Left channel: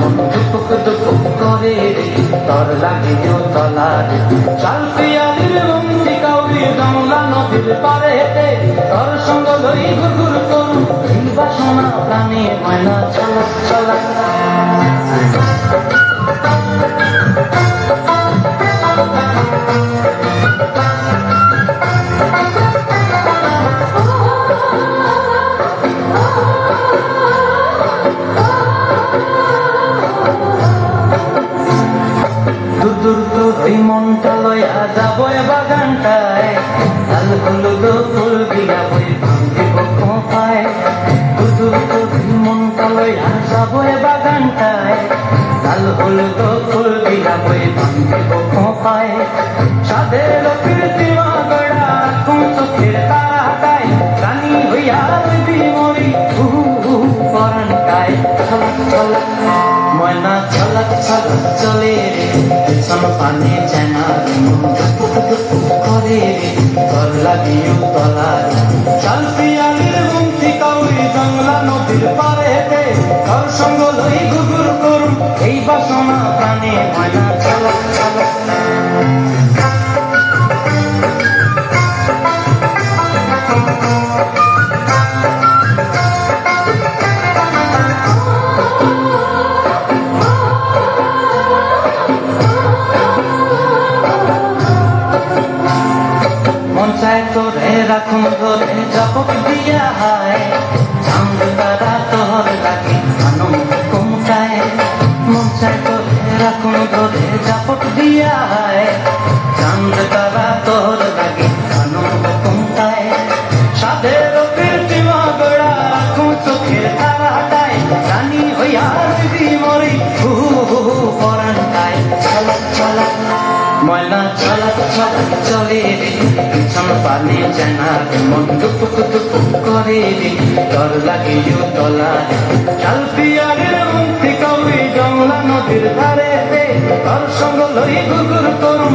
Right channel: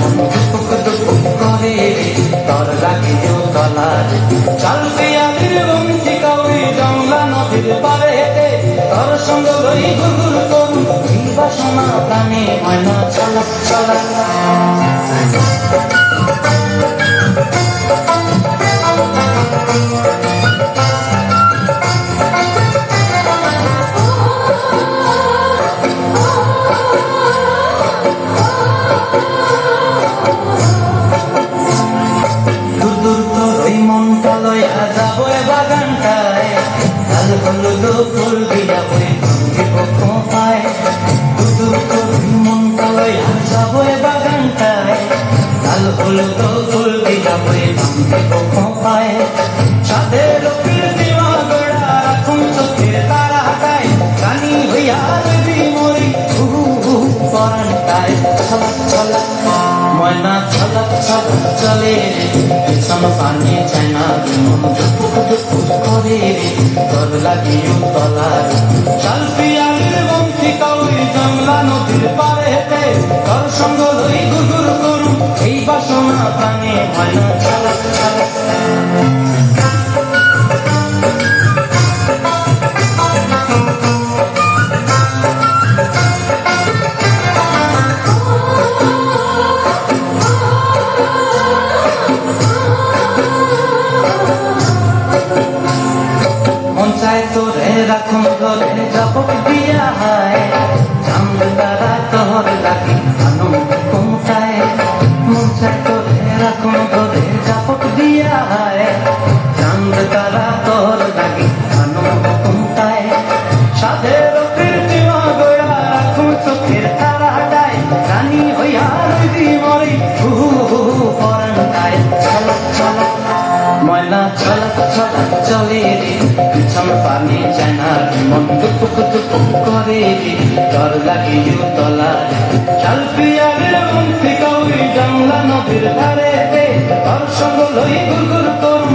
মন টুকুক টুকুক করে তোর লাগে তলার চাল পিয়ালির বন্দি কাউরি গঙ্গা নদীর পাড়েতে তোর সঙ্গ লই গুগুর করুন এই বাসনা প্রাণে ময়না চলা চলা ওই মনটা লইয়া যাবো বাগানটায় লাল হলুদ ফুল দিয়া ওই ভাঙ্গে কোথায় ওই মনটা লইয়া যাবো বাগানটায় লাল হলুদ ফুল দিয়া ওই ভাঙ্গে কোথায় সাদের কীর্তিমা গড়া কোন চোখের তারাটায় রানী হইয়া যদি মরি পরাণ পায় চলা চলা ময়না চলা চলা চলে পানি চায়না করে তোর লাগে তলার চাল পিয়ালির বন্দি কাউরি জংলা নদীর পাড়েতে তোর সঙ্গ লই গুগুর করুন এই বাসনা প্রাণে ময়না চলা চলা তোরে রাখুন ঘরে জপক দিয়া হয় চাঁদ তারা তোর লাগে আনন্দ কোনটায় মন চায় তোরে রাখুন ঘরে জপক দিয়া হয় চাঁদ তারা তোর লাগে আনন্দ কোনটায় সাদের কীর্তিমা গোড়া কোন চোখের তারাটায় রানী হইয়া যদি মরি পরাণ পায় চলা চলা ময়না চলা চলা চলে পানি জানা মন টুকুক টুকুক করে তোর লাগে তলার চাল পিয়ালির বন্দি কাউরি গঙ্গা নদীর ধারে তোর সঙ্গ লই গুগুর করুন